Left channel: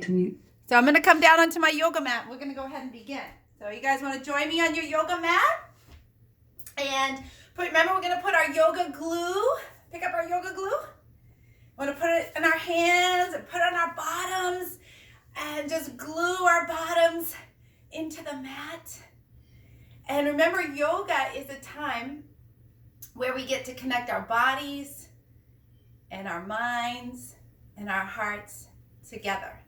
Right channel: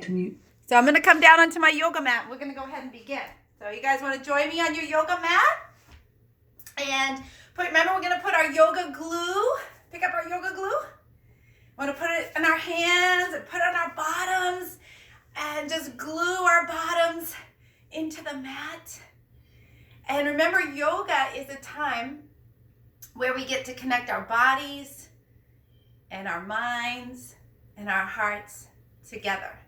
So I'm going to come down onto my yoga mat. We're going to go ahead and begin. So you guys want to join me on your yoga mat? And remember, we're going to put our yoga glue. Pick up our yoga glue. We want to put it in our hands and put it on our bottoms and just glue our bottoms into the mat. And remember, yoga is a time where we get to connect our bodies and our minds and our hearts together.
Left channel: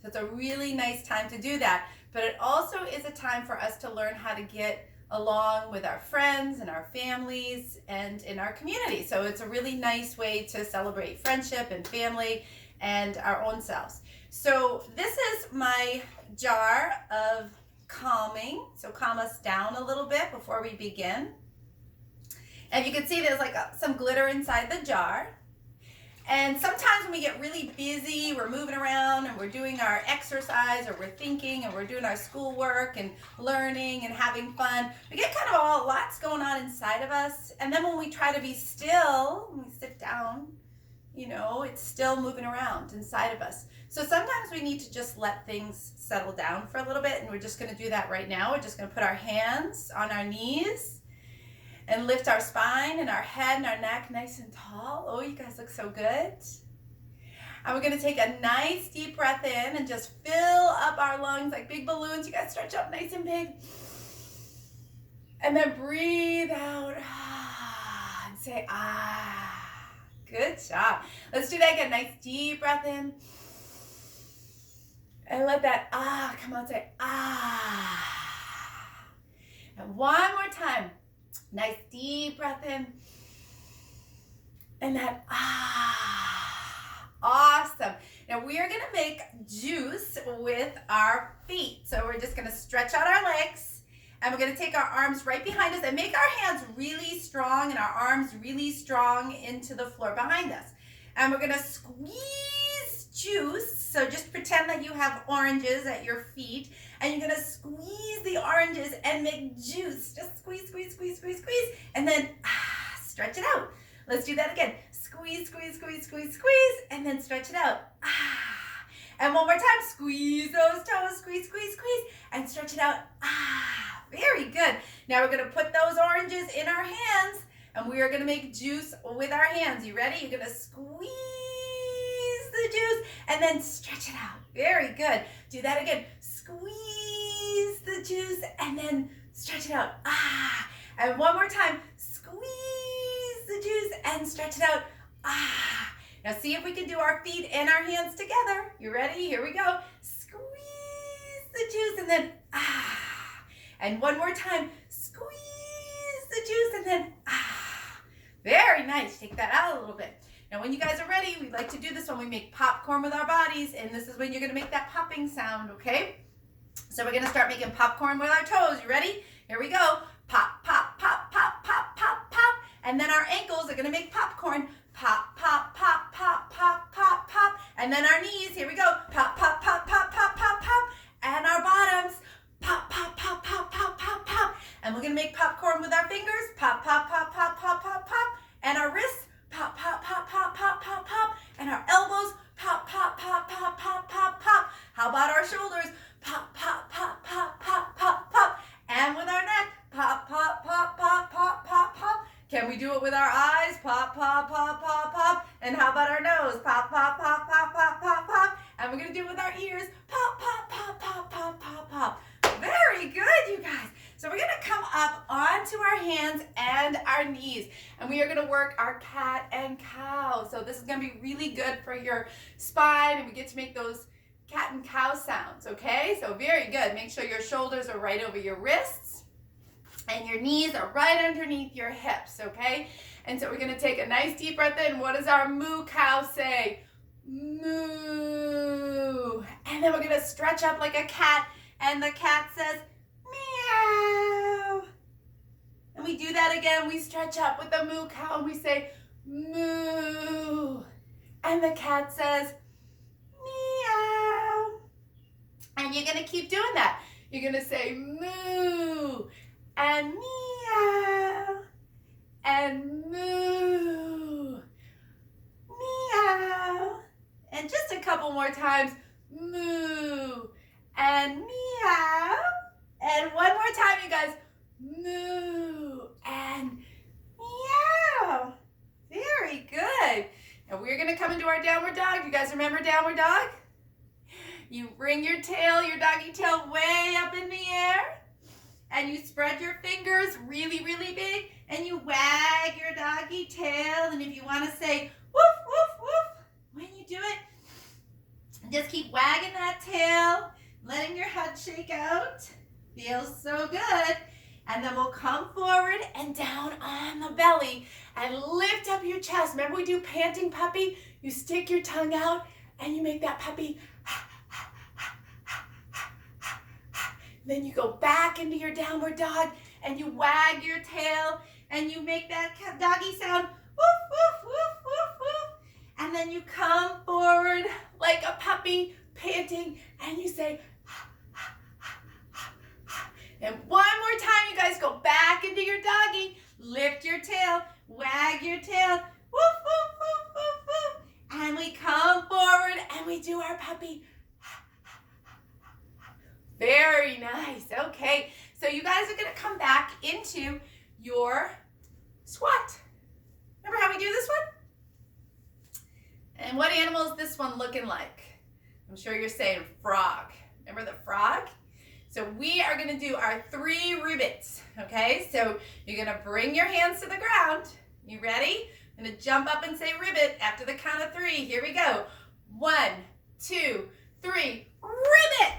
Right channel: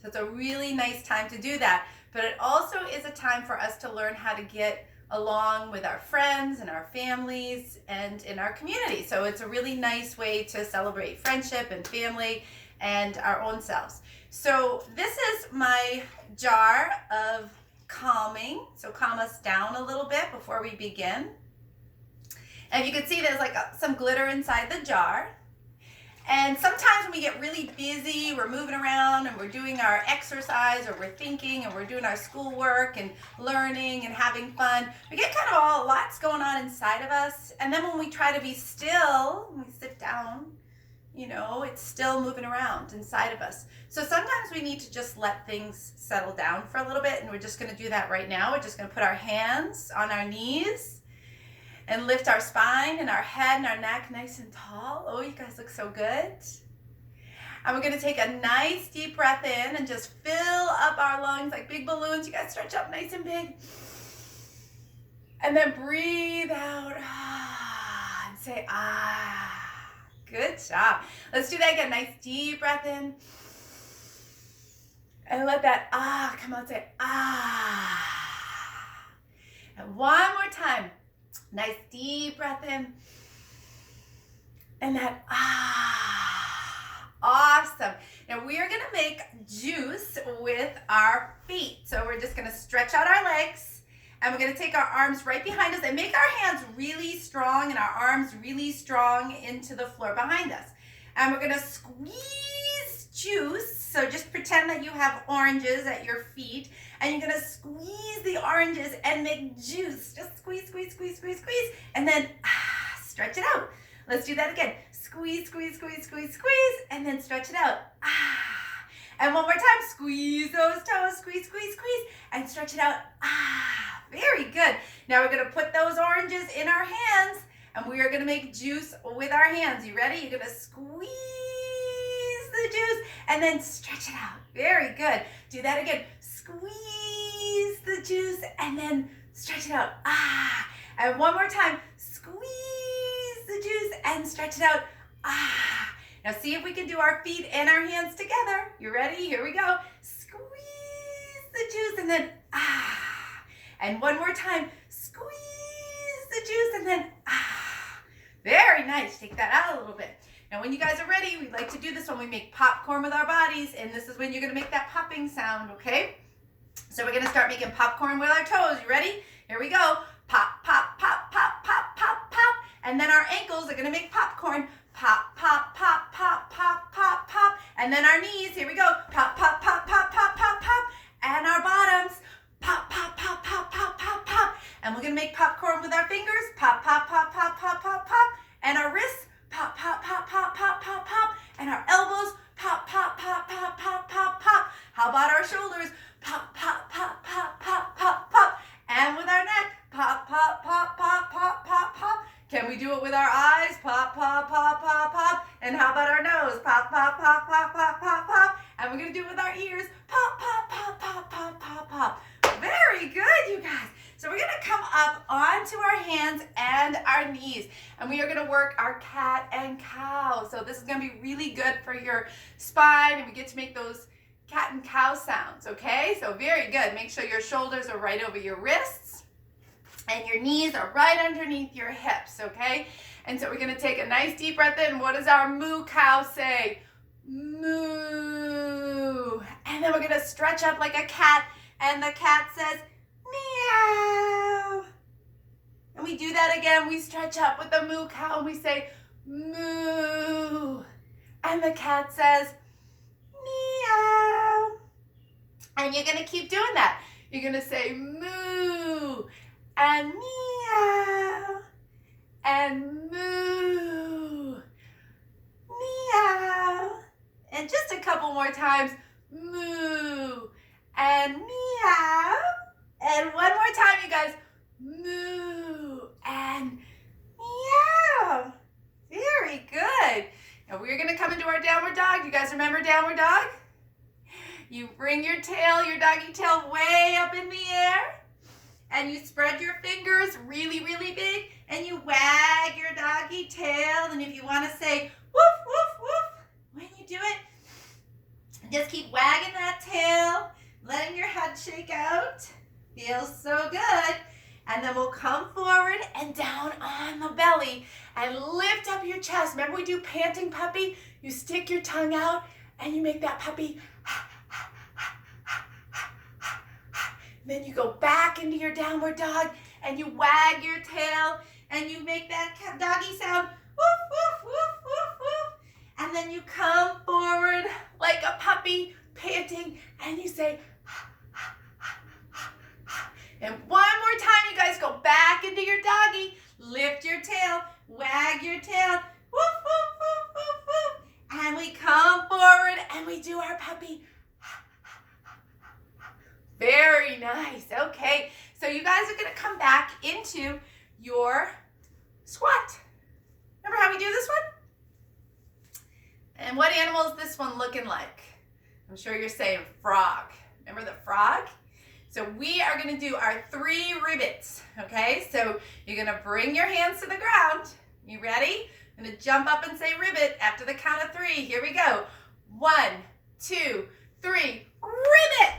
So it's a really nice time to do that. But it also is a time for us to learn how to get along with our friends and our families and in our community. So it's a really nice way to celebrate friendship and family and our own selves. So this is my jar of calming. So calm us down a little bit before we begin. And you can see there's like some glitter inside the jar. And sometimes when we get really busy, we're moving around and we're doing our exercise or we're thinking and we're doing our schoolwork and learning and having fun, we get kind of lots going on inside of us. And then when we try to be still, when we sit down, it's still moving around inside of us. So sometimes we need to just let things settle down for a little bit, and we're just going to do that right now. We're just going to put our hands on our knees and lift our spine and our head and our neck nice and tall. Oh, you guys look so good. And we're going to take a nice deep breath in and just fill up our lungs like big balloons. You guys stretch up nice and big. And then breathe out and say, ah. Good job. Let's do that again. Nice deep breath in. And let that ah come out. Say ah. And one more time. Nice deep breath in. And that ah. Awesome. Now we are going to make juice with our feet. So we're just going to stretch out our legs. And we're going to take our arms right behind us and make our hands really strong and our arms really strong into the floor behind us. And we're going to squeeze juice. So just pretend that you have oranges at your feet. And you're going to squeeze the oranges and make juice. Just squeeze, squeeze, squeeze, squeeze, squeeze. And then stretch it out. Let's do that again. Squeeze, squeeze, squeeze, squeeze, squeeze. And then stretch it out. And one more time. Squeeze those toes. Squeeze, squeeze, squeeze. And stretch it out. Very good. Now we're going to put those oranges in our hands and we are going to make juice with our hands. You ready? You're going to squeeze the juice and then stretch it out. Very good. Do that again. Squeeze the juice and then stretch it out. And one more time. Squeeze the juice and stretch it out. Now see if we can do our feet and our hands together. You ready? Here we go. Squeeze the juice and then And one more time, squeeze the juice and then Very nice. Take that out a little bit. Now when you guys are ready, we like to do this when we make popcorn with our bodies, and this is when you're going to make that popping sound, okay? So we're going to start making popcorn with our toes. You ready? Here we go. Pop, pop, pop, pop, pop, pop, pop. And then our ankles are going to make popcorn. Pop, pop, pop, pop, pop, pop, pop. And then our knees, here we go. Pop, pop, pop, pop, pop, pop, pop. And our bottoms. Pop, pop, pop, pop, pop, pop, pop. And we're going to make popcorn with our fingers. Pop, pop, pop, pop, pop, pop, pop. And our wrists. Pop, pop, pop, pop, pop, pop, pop. And our elbows. Pop, pop, pop, pop, pop, pop, pop. How about our shoulders? Pop, pop, pop, pop, pop, pop, pop. And with our neck. Pop, pop, pop, pop, pop, pop, pop. Can we do it with our eyes? Pop, pop, pop, pop, pop. And how about our nose? Pop, pop, pop, pop, pop, pop, pop. And we're going to do it with our ears. Pop, pop, pop, pop, pop, pop, pop. Very good, you guys. So we're going to come up onto our hands and our knees, and we are going to work our cat and cow. So this is going to be really good for your spine, and we get to make those cat and cow sounds, okay? So very good. Make sure your shoulders are right over your wrists, and your knees are right underneath your hips, okay? And so we're going to take a nice deep breath in. What does our moo cow say? Moo. And then we're going to stretch up like a cat. And the cat says, meow. And we do that again. We stretch up with the moo cow and we say, moo. And the cat says, meow. And you're going to keep doing that. You're going to say, moo. And meow. And moo. Meow. And just a couple more times. moo, and meow. And one more time, you guys. Moo and meow. Very good. Now we're gonna come into our downward dog. You guys remember downward dog? You bring your tail, your doggy tail way up in the air, and you spread your fingers really, really big, and you wag your doggy tail. And if you want to say woof, woof, woof, when you do it, just keep wagging that tail, letting your head shake out. Feels so good. And then we'll come forward and down on the belly and lift up your chest. Remember we do panting puppy? You stick your tongue out and you make that puppy. Then you go back into your downward dog and you wag your tail and you make that doggy sound. Woof, woof, woof, woof, woof. And then you come forward like a puppy panting and you say, and one more time, you guys, go back into your doggy. Lift your tail, wag your tail. Woof, woof, woof, woof, woof. And we come forward and we do our puppy. Very nice. Okay, so you guys are going to come back into your squat. Remember how we do this one? And what animal is this one looking like? I'm sure you're saying frog. Remember the frog? So we are going to do our 3 ribbits, okay? So you're going to bring your hands to the ground. You ready? I'm going to jump up and say ribbit after the count of 3. Here we go. 1, 2, 3, ribbit!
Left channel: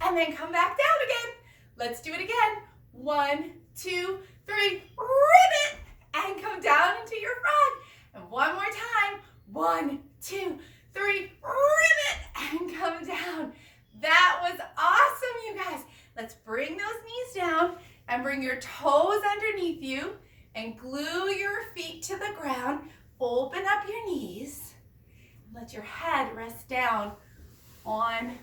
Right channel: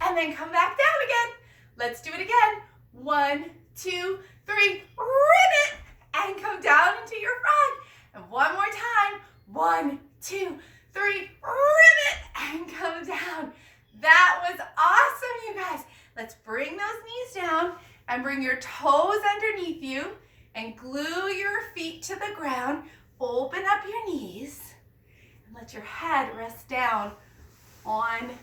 And then come back down again. Let's do it again. 1, 2, 3, ribbit! And come down into your frog. And one more time. 1, 2, 3, ribbit! And come down. That was awesome, you guys. Let's bring those knees down and bring your toes underneath you and glue your feet to the ground. Open up your knees and let your head rest down on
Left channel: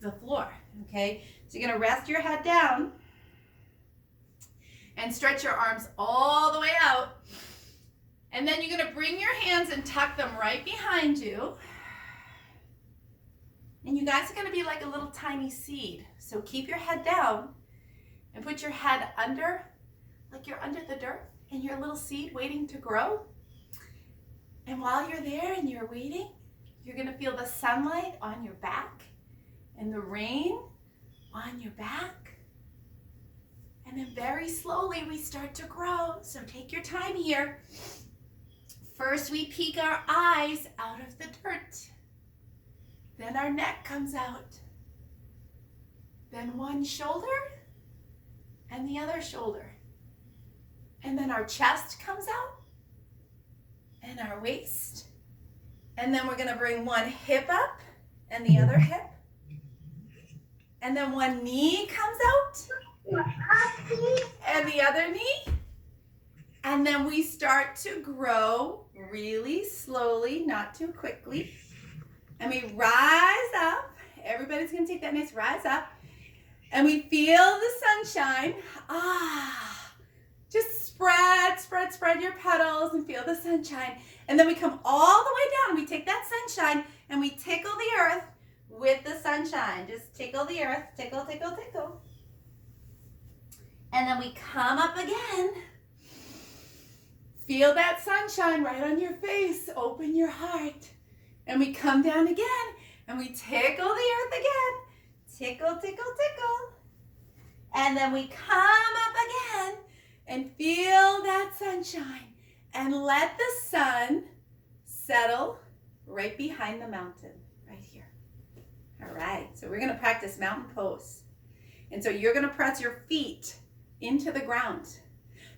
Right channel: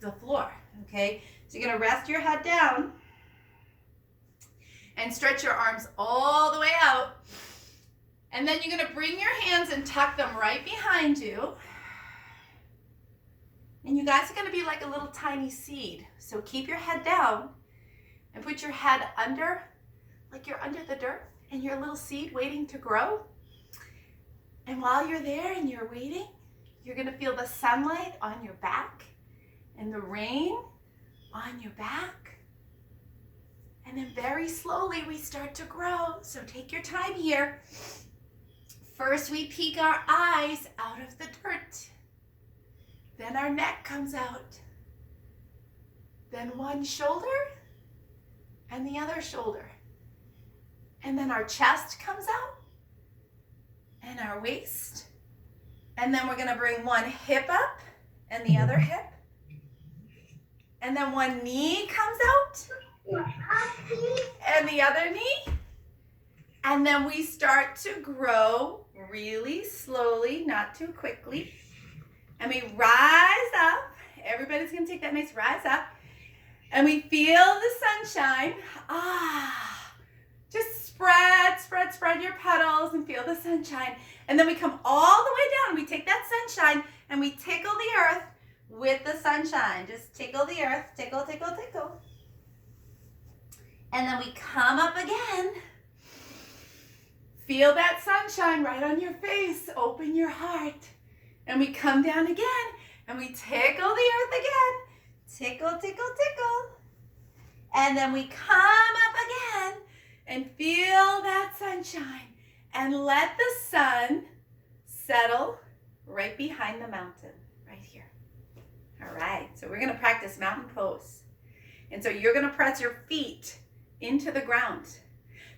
the floor, okay? So you're gonna rest your head down and stretch your arms all the way out. And then you're gonna bring your hands and tuck them right behind you. And you guys are going to be like a little tiny seed. So keep your head down and put your head under, like you're under the dirt and you're a little seed waiting to grow. And while you're there and you're waiting, you're going to feel the sunlight on your back and the rain on your back. And then very slowly we start to grow. So take your time here. First we peek our eyes out of the dirt. Then our neck comes out. Then one shoulder and the other shoulder. And then our chest comes out and our waist. And then we're gonna bring one hip up and the other hip. And then one knee comes out and the other knee. And then we start to grow really slowly, not too quickly. And we rise up. Everybody's going to take that nice rise up. And we feel the sunshine. Just spread your petals and feel the sunshine. And then we come all the way down. We take that sunshine and we tickle the earth with the sunshine. Just tickle the earth. Tickle, tickle, tickle. And then we come up again. Feel that sunshine right on your face. Open your heart. And we come down again, and we tickle the earth again. Tickle, tickle, tickle. And then we come up again and feel that sunshine. And let the sun settle right behind the mountain, right here. All right, so we're gonna practice mountain pose. And so you're gonna press your feet into the ground.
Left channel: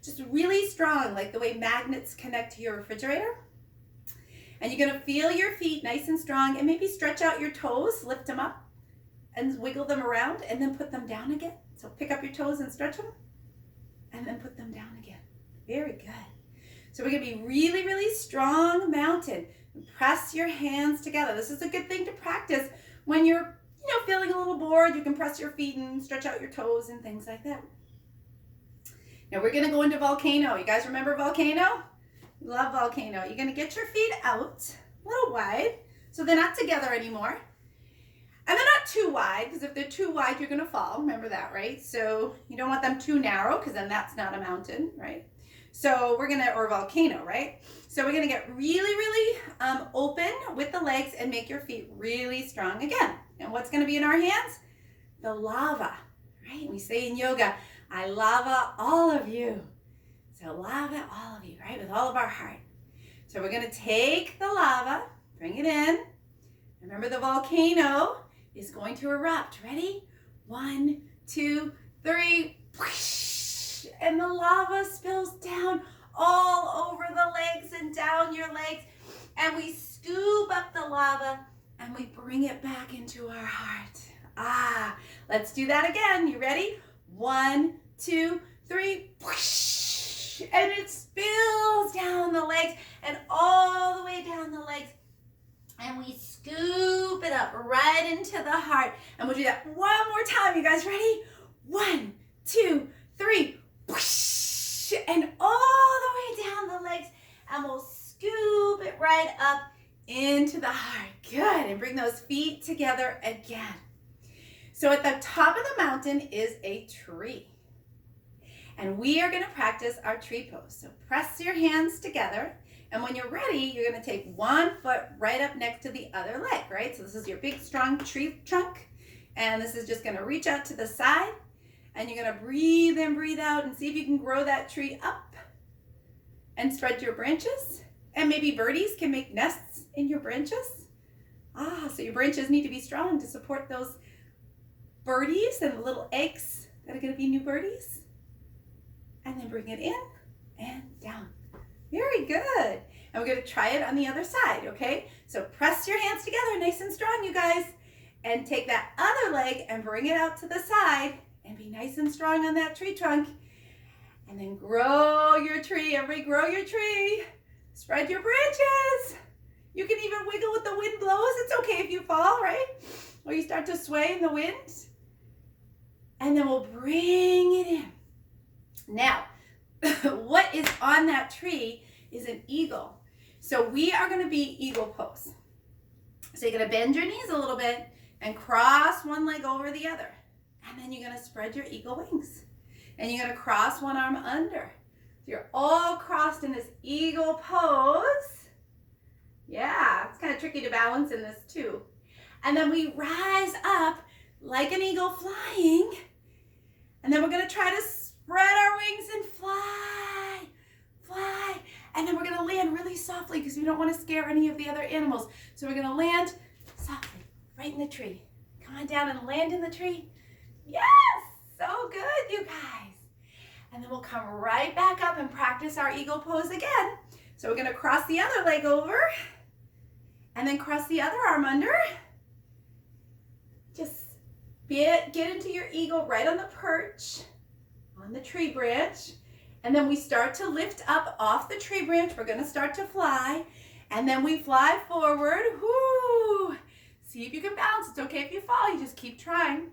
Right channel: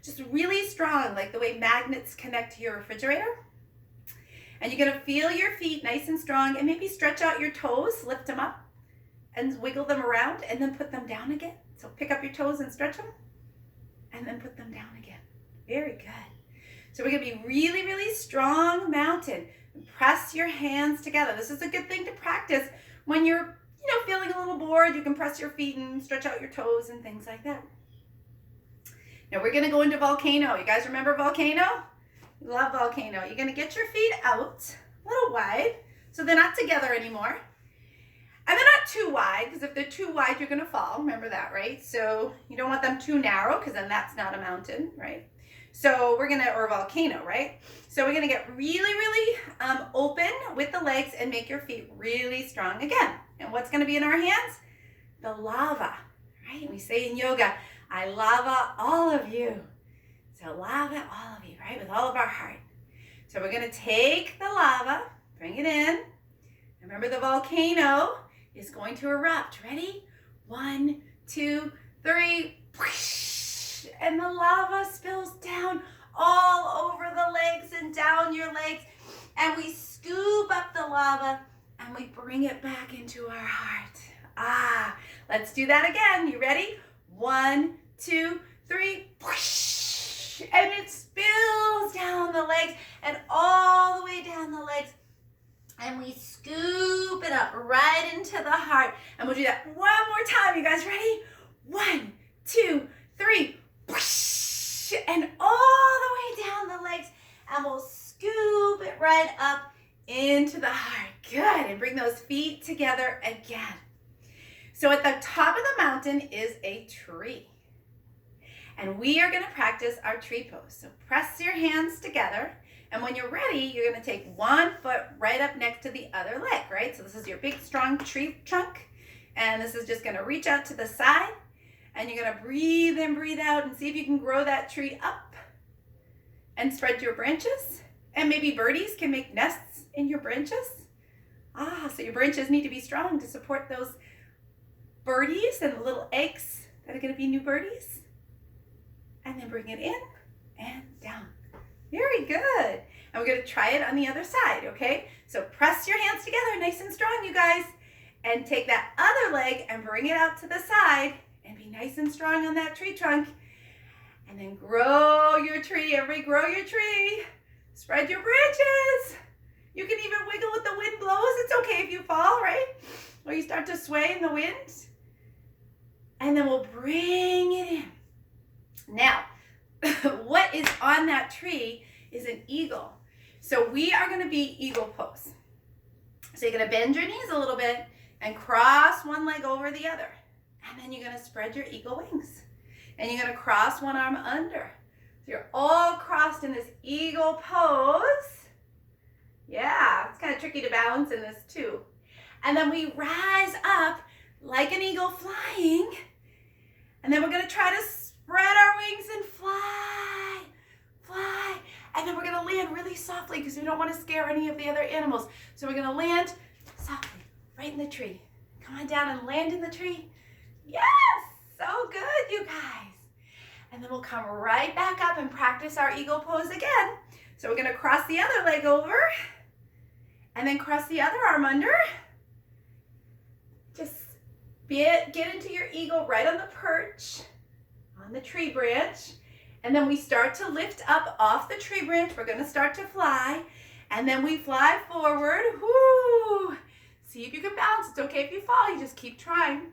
Just really strong, like the way magnets connect to your refrigerator. And you're going to feel your feet nice and strong and maybe stretch out your toes, lift them up and wiggle them around and then put them down again. So pick up your toes and stretch them and then put them down again. Very good. So we're going to be really, really strong mountain. Press your hands together. This is a good thing to practice when you're, feeling a little bored. You can press your feet and stretch out your toes and things like that. Now we're going to go into volcano. You guys remember volcano? Love volcano. You're going to get your feet out a little wide so they're not together anymore. And they're not too wide, because if they're too wide, you're going to fall. Remember that, right? So you don't want them too narrow, because then that's not a mountain, right? So we're going to, or a volcano, right? So we're going to get really, really open with the legs and make your feet really strong again. And what's going to be in our hands? The lava, right? We say in yoga, I lava all of you. So lava all of you, right? With all of our heart. So we're going to take the lava, bring it in. Remember, the volcano is going to erupt. Ready? 1, 2, 3. And the lava spills down all over the legs and down your legs. And we scoop up the lava and we bring it back into our heart. Let's do that again. You ready? 1, 2, 3. And it spills down the legs and all the way down the legs. And we scoop it up right into the heart. And we'll do that one more time. You guys ready? 1, 2, 3. And all the way down the legs. And we'll scoop it right up into the heart. Good. And bring those feet together again. So at the top of the mountain is a tree. And we are going to practice our tree pose. So press your hands together. And when you're ready, you're going to take one foot right up next to the other leg, right? So this is your big, strong tree trunk. And this is just going to reach out to the side. And you're going to breathe in, breathe out, and see if you can grow that tree up. And spread your branches. And maybe birdies can make nests in your branches. So your branches need to be strong to support those birdies and the little eggs that are going to be new birdies. And then bring it in and down. Very good. And we're going to try it on the other side, okay? So press your hands together nice and strong, you guys. And take that other leg and bring it out to the side. And be nice and strong on that tree trunk. And then grow your tree. Everybody grow your tree. Spread your branches. You can even wiggle with the wind blows. It's okay if you fall, right? Or you start to sway in the wind. And then we'll bring it in. Now, what is on that tree is an eagle. So we are going to be eagle pose. So you're going to bend your knees a little bit and cross one leg over the other. And then you're going to spread your eagle wings. And you're going to cross one arm under. So you're all crossed in this eagle pose. Yeah, it's kind of tricky to balance in this too. And then we rise up like an eagle flying. And then we're going to try to spread our wings and fly, fly. And then we're going to land really softly because we don't want to scare any of the other animals. So we're going to land softly right in the tree. Come on down and land in the tree. Yes, so good, you guys. And then we'll come right back up and practice our eagle pose again. So we're going to cross the other leg over and then cross the other arm under. Just get into your eagle right on the perch, on the tree branch. And then we start to lift up off the tree branch. We're going to start to fly. And then we fly forward. Woo! See if you can bounce. It's okay if you fall. You just keep trying.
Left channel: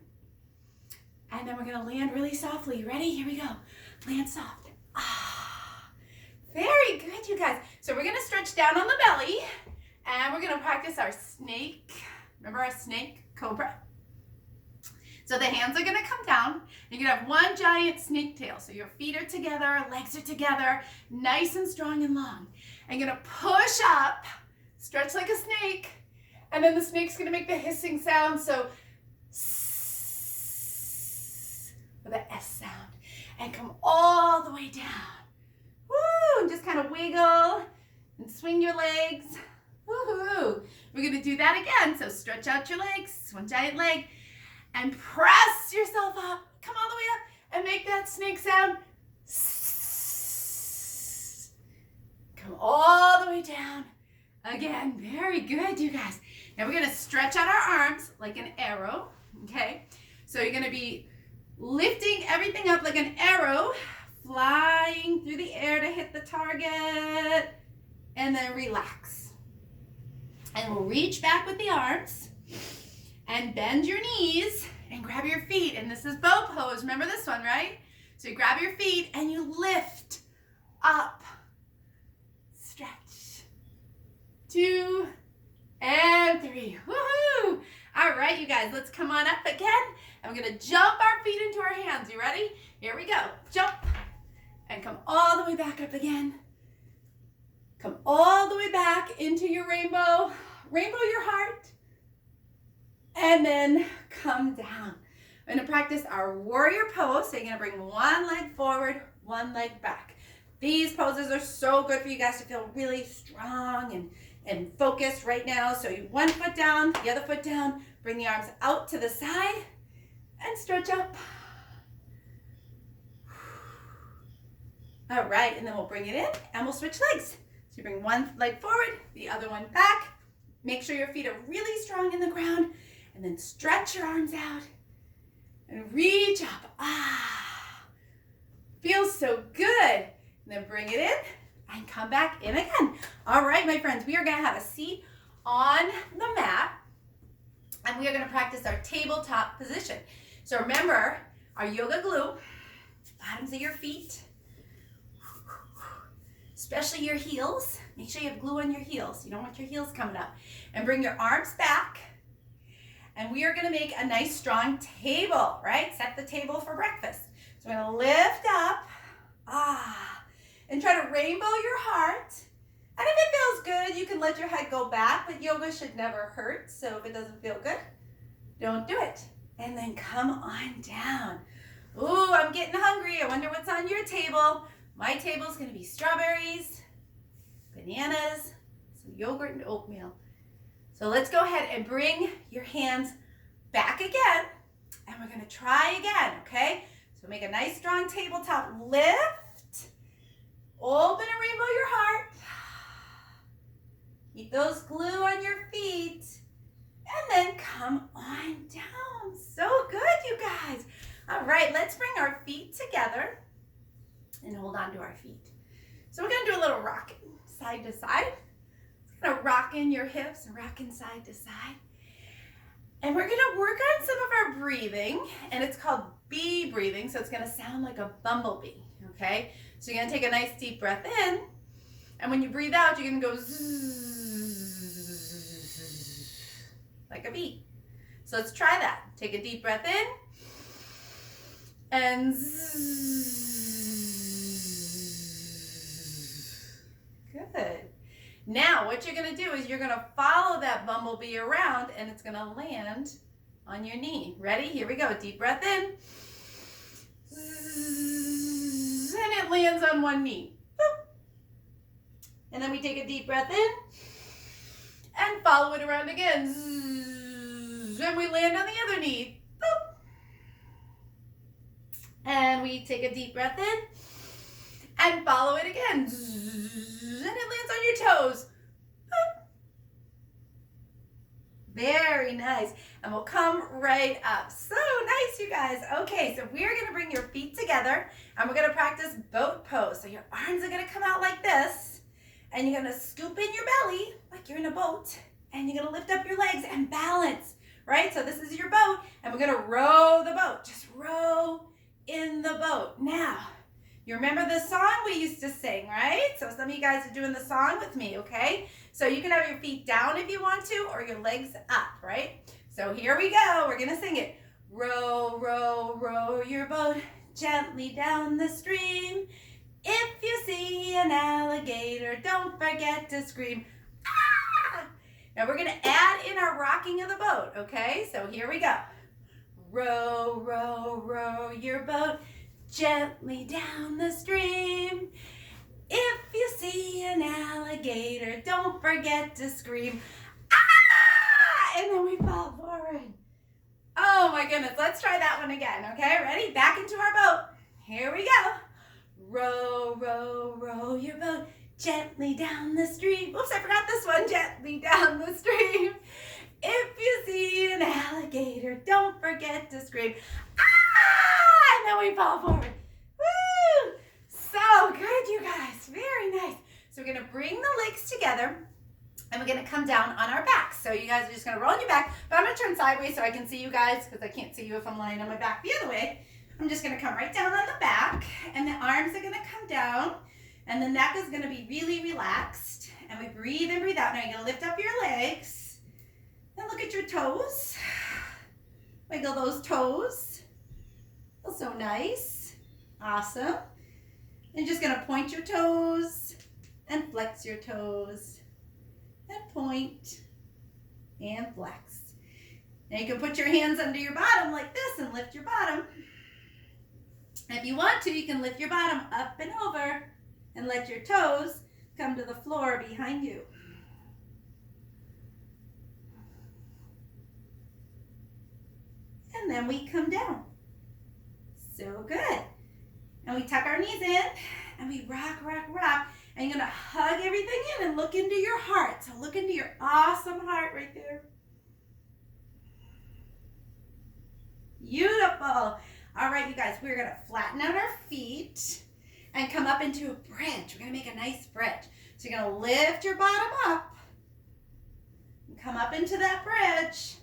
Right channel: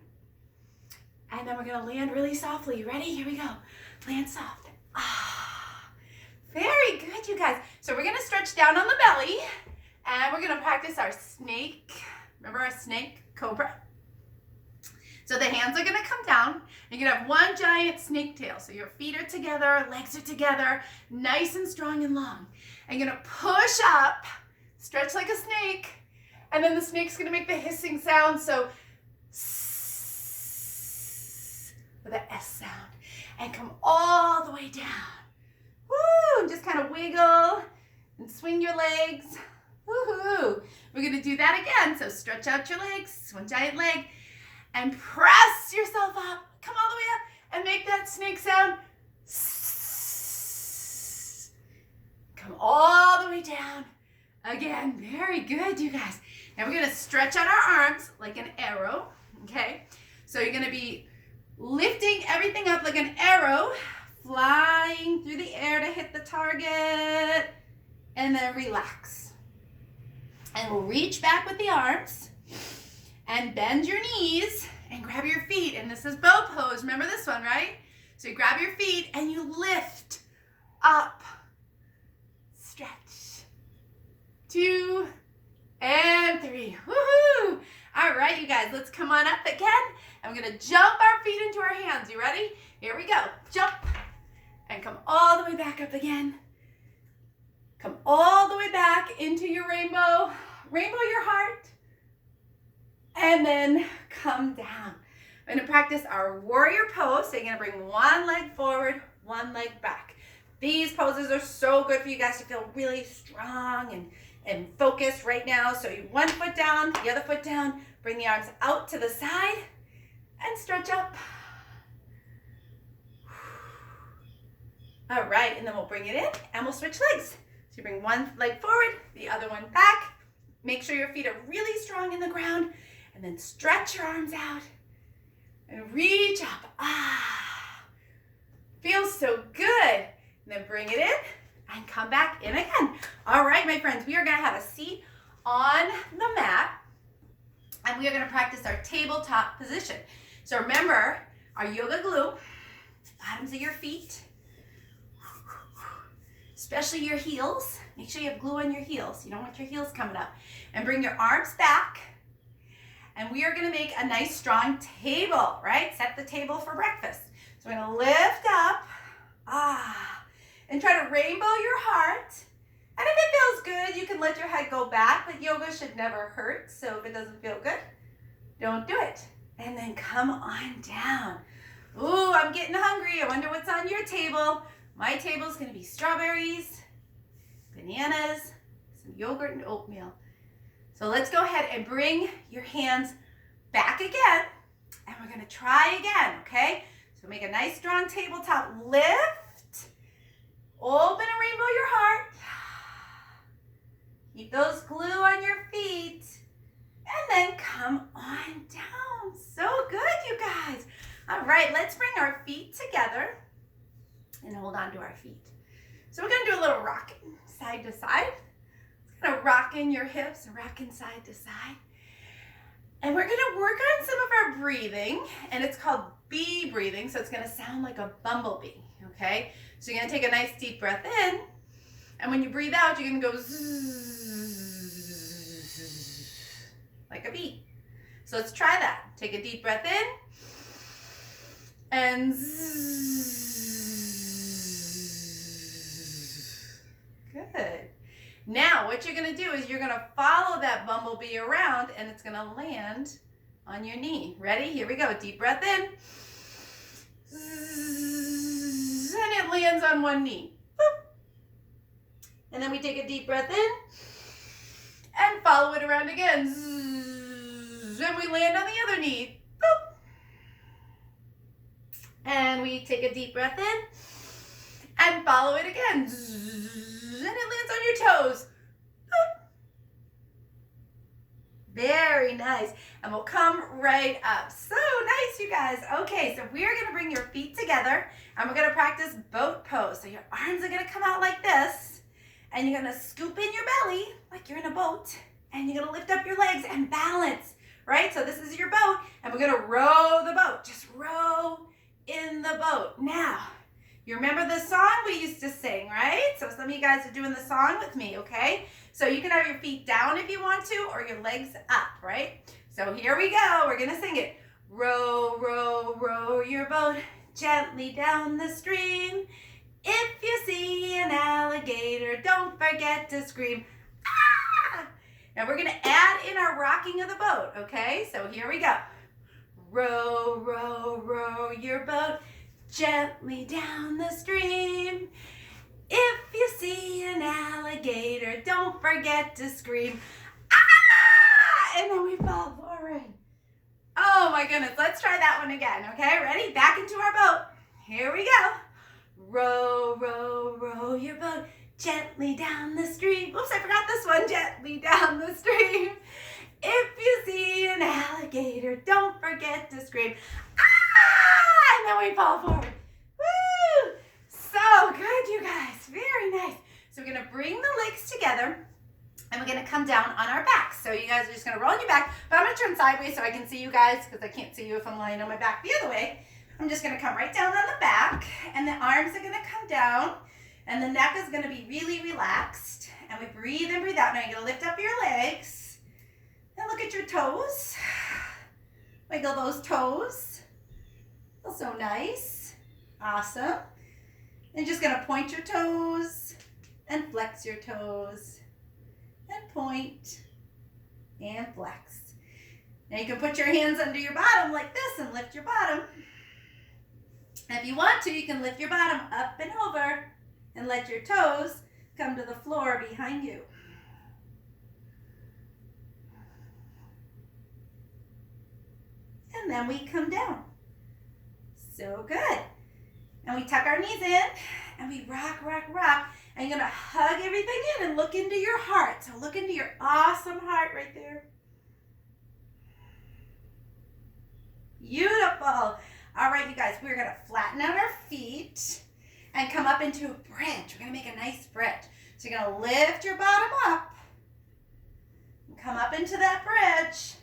And then we're going to land really softly. You ready? Here we go. Land soft. Very good, you guys. So we're going to stretch down on the belly. And we're going to practice our snake. Remember our snake cobra? So the hands are going to come down. You're going to have one giant snake tail. So your feet are together, legs are together, nice and strong and long. And you're going to push up, stretch like a snake. And then the snake's going to make the hissing sound. So with an S sound. And come all the way down. Woo! And just kind of wiggle and swing your legs. Woohoo! We're going to do that again. So stretch out your legs, one giant leg, and press yourself up. Come all the way up and make that snake sound. Come all the way down. Again, very good, you guys. Now we're going to stretch out our arms like an arrow, okay? So you're going to be lifting everything up like an arrow, flying through the air to hit the target, and then relax. And we'll reach back with the arms and bend your knees and grab your feet. And this is bow pose. Remember this one, right? So you grab your feet and you lift up, stretch, 2 and 3. Woohoo! All right, you guys, let's come on up again. And we're gonna jump our feet into our hands. You ready? Here we go. Jump and come all the way back up again. Come all the way back into your rainbow. Rainbow your heart. And then come down. We're gonna practice our warrior pose. So you're gonna bring one leg forward, one leg back. These poses are so good for you guys to feel really strong and focused right now. So you one foot down, the other foot down, bring the arms out to the side and stretch up. All right, and then we'll bring it in and we'll switch legs. So you bring one leg forward, the other one back. Make sure your feet are really strong in the ground and then stretch your arms out and reach up. Feels so good. And then bring it in and come back in again. All right, my friends, we are gonna have a seat on the mat and we are gonna practice our tabletop position. So remember our yoga glue, bottoms of your feet, especially your heels. Make sure you have glue on your heels. You don't want your heels coming up. And bring your arms back. And we are gonna make a nice strong table, right? Set the table for breakfast. So we're gonna lift up, and try to rainbow your heart. And if it feels good, you can let your head go back, but yoga should never hurt. So if it doesn't feel good, don't do it. And then come on down. Ooh, I'm getting hungry. I wonder what's on your table. My table is gonna be strawberries, bananas, some yogurt and oatmeal. So let's go ahead and bring your hands back again. And we're gonna try again, okay? So make a nice strong tabletop lift. Open and rainbow your heart. Keep those glue on your feet. And then come on down. So good, you guys. All right, let's bring our feet together and hold on to our feet. So we're gonna do a little rocking side to side. It's gonna rock in your hips and rocking side to side. And we're gonna work on some of our breathing, and it's called bee breathing, so it's gonna sound like a bumblebee, okay? So you're gonna take a nice deep breath in, and when you breathe out, you're gonna go zzz, like a bee. So let's try that. Take a deep breath in, and zzz. Good. Now, what you're gonna do is you're gonna follow that bumblebee around, and it's gonna land on your knee. Ready? Here we go. Deep breath in. And it lands on one knee. Boop. And then we take a deep breath in and follow it around again. And we land on the other knee. Boop. And we take a deep breath in and follow it again. And it lands on your toes. Boop. Very nice. And we'll come right up. So nice, you guys. Okay, so we're gonna bring your feet together and we're gonna practice boat pose. So your arms are gonna come out like this and you're gonna scoop in your belly like you're in a boat and you're gonna lift up your legs and balance, right? So this is your boat and we're gonna row the boat. Just row in the boat. Now, you remember the song we used to sing, right? So some of you guys are doing the song with me, okay? So you can have your feet down if you want to, or your legs up, right? So here we go. We're gonna sing it. Row, row, row your boat gently down the stream. If you see an alligator, don't forget to scream. Ah! Now we're gonna add in our rocking of the boat, okay? So here we go. Row, row, row your boat gently down the stream. If you see an alligator, don't forget to scream. Ah! And then we fall forward. Oh my goodness, let's try that one again, okay? Ready? Back into our boat. Here we go. Row, row, row your boat gently down the stream. Oops, I forgot this one. Gently down the stream. If you see an alligator, don't forget to scream. Ah! And then we fall forward. Woo! So good, you guys. Very nice. So we're going to bring the legs together and we're going to come down on our backs. So you guys are just going to roll on your back, but I'm going to turn sideways so I can see you guys because I can't see you if I'm lying on my back the other way. I'm just going to come right down on the back and the arms are going to come down and the neck is going to be really relaxed. And we breathe in, breathe out. Now you're going to lift up your legs And look at your toes. Wiggle those toes. Feels so nice. Awesome. And just gonna point your toes and flex your toes and point and flex. Now you can put your hands under your bottom like this and lift your bottom. And if you want to, you can lift your bottom up and over and let your toes come to the floor behind you. And then we come down. So good. And we tuck our knees in and we rock, rock, rock. And you're gonna hug everything in and look into your heart. So look into your awesome heart right there. Beautiful. All right, you guys, we're gonna flatten out our feet and come up into a bridge. We're gonna make a nice bridge. So you're gonna lift your bottom up and come up into that bridge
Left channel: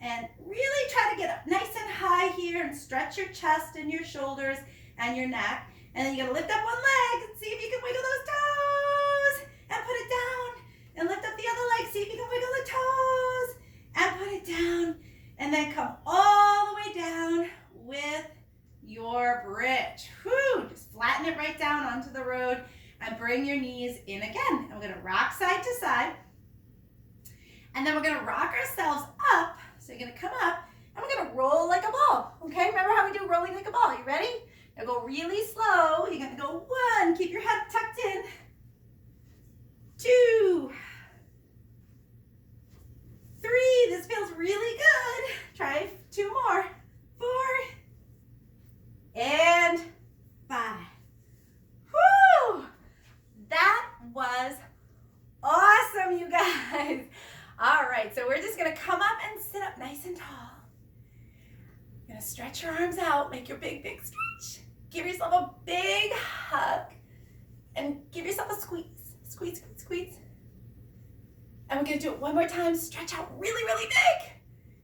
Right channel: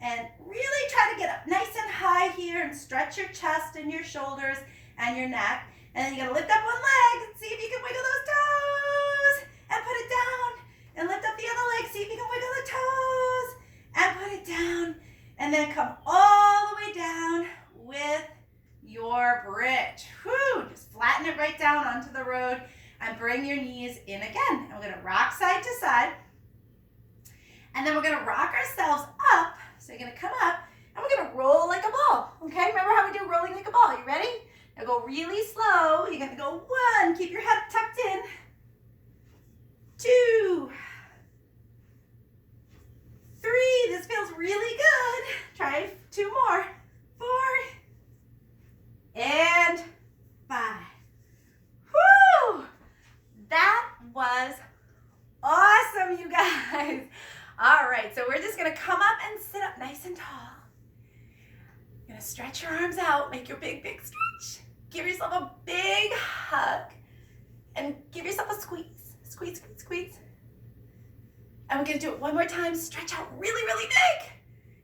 and really try to get up nice and high here and stretch your chest and your shoulders and your neck. And then you're gonna lift up one leg and see if you can wiggle those toes and put it down. And lift up the other leg, see if you can wiggle the toes and put it down. And then come all the way down with your bridge. Whew, just flatten it right down onto the road and bring your knees in again. And we're gonna rock side to side. And then we're gonna rock ourselves up. So you're gonna come up and we're gonna roll like a ball. Okay, remember how we do rolling like a ball? You ready? Now go really slow. You're gonna go 1, keep your head tucked in. 2, 3, this feels really good. Try 2 more. 4, and 5. Woo! That was awesome, you guys. All right, so we're just gonna come up and sit up nice and tall. You're gonna stretch your arms out, make your big, big stretch. Give yourself a big hug and give yourself a squeeze. Squeeze, squeeze, squeeze. And we're gonna do it one more time. Stretch out really, really big.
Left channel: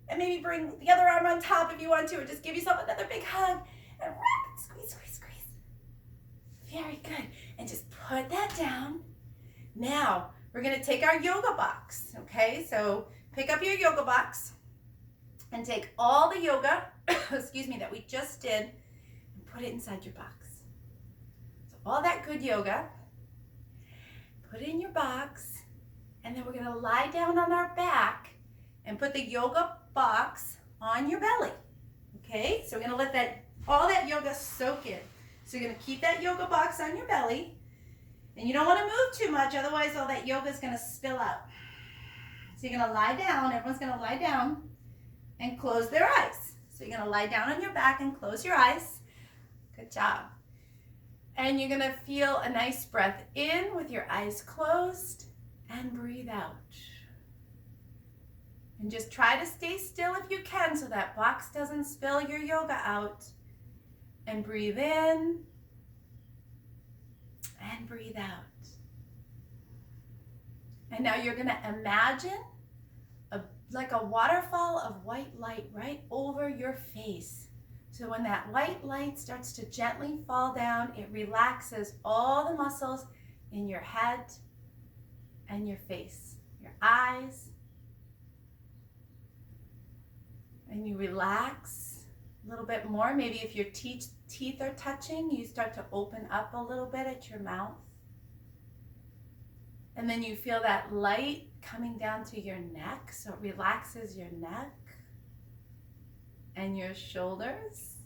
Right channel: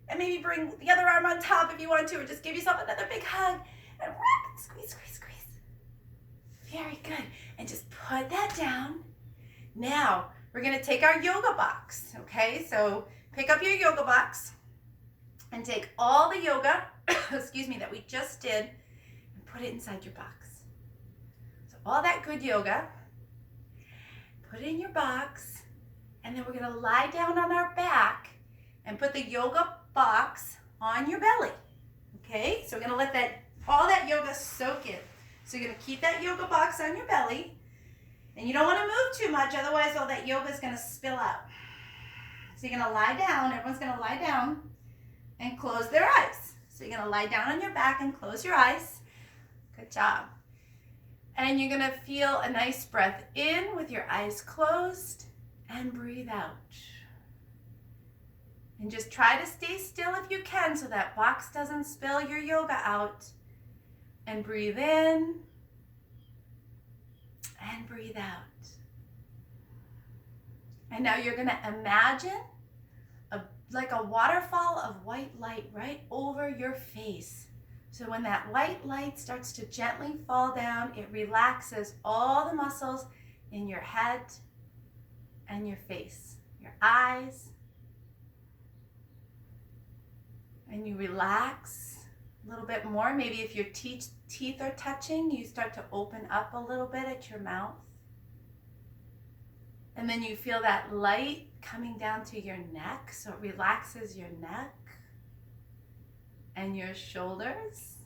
And maybe bring the other arm on top if you want to, or just give yourself another big hug and squeeze, squeeze, squeeze. Very good. And just put that down. Now, we're gonna take our yoga box, okay? So pick up your yoga box and take all the yoga, excuse me, that we just did and put it inside your box. So all that good yoga, put it in your box, and then we're gonna lie down on our back and put the yoga box on your belly, okay? So we're gonna let all that yoga soak in. So you're gonna keep that yoga box on your belly, and you don't wanna move too much, otherwise all that yoga is gonna spill out. So you're gonna lie down, everyone's gonna lie down and close their eyes. So you're gonna lie down on your back and close your eyes. Good job. And you're gonna feel a nice breath in with your eyes closed and breathe out. And just try to stay still if you can so that box doesn't spill your yoga out. And breathe in and breathe out. And now you're gonna imagine like a waterfall of white light right over your face. So when that white light starts to gently fall down, it relaxes all the muscles in your head and your face, your eyes. And you relax a little bit more. Maybe if your teeth are touching, you start to open up a little bit at your mouth. And then you feel that light coming down to your neck, so it relaxes your neck and your shoulders.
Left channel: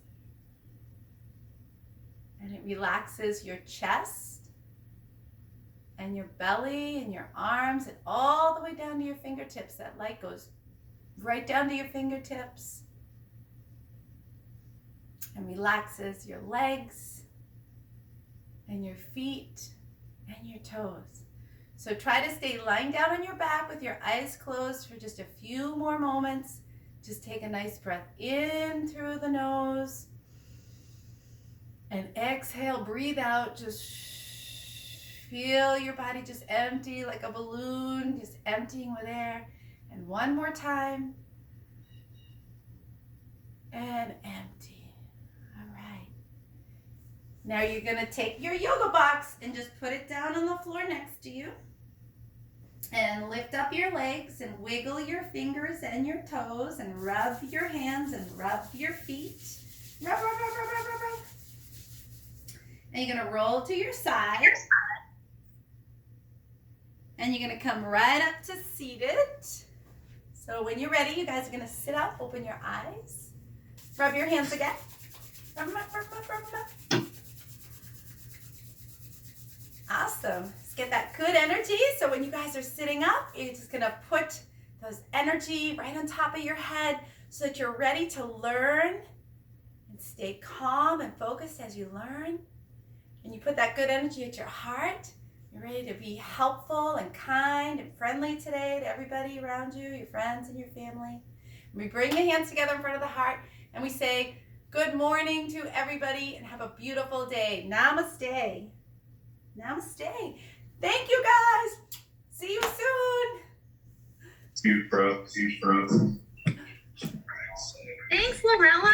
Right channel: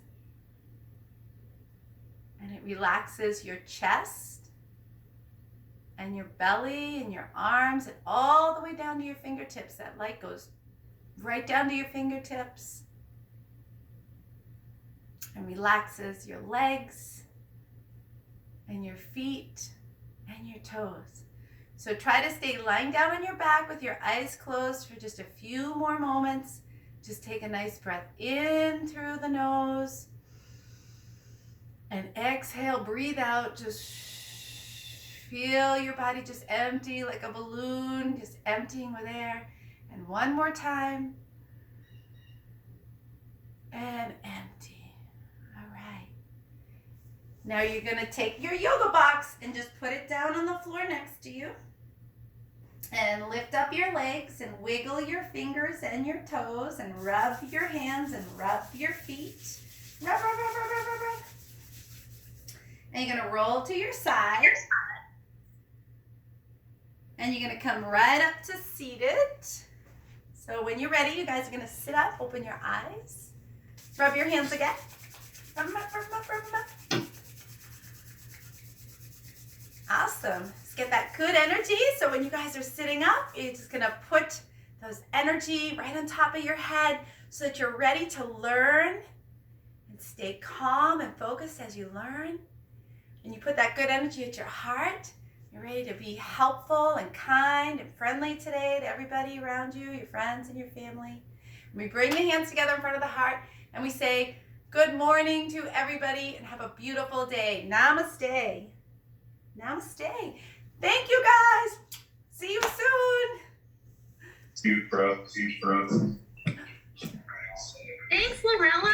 And it relaxes your chest and your belly and your arms and all the way down to your fingertips. That light goes right down to your fingertips and relaxes your legs and your feet and your toes. So try to stay lying down on your back with your eyes closed for just a few more moments. Just take a nice breath in through the nose and exhale, breathe out. Just feel your body just empty like a balloon, just emptying with air. And one more time. And empty. All right. Now you're going to take your yoga box and just put it down on the floor next to you. And lift up your legs and wiggle your fingers and your toes and rub your hands and rub your feet. Rub, rub, rub, rub, rub, rub, rub. And you're going to roll to your side. And you're going to come right up to seated. So when you're ready, you guys are going to sit up, open your eyes. Rub your hands again. Rub them up, rub them up, rub them up. Awesome. Let's get that good energy. So when you guys are sitting up, you're just going to put those energy right on top of your head so that you're ready to learn and stay calm and focused as you learn. And you put that good energy at your heart. You're ready to be helpful and kind and friendly today to everybody around you, your friends and your family. And we bring the hands together in front of the heart and we say, good morning to everybody and have a beautiful day. Namaste. Namaste. Thank you guys. See you soon. See you, bro. Thanks, Lorella.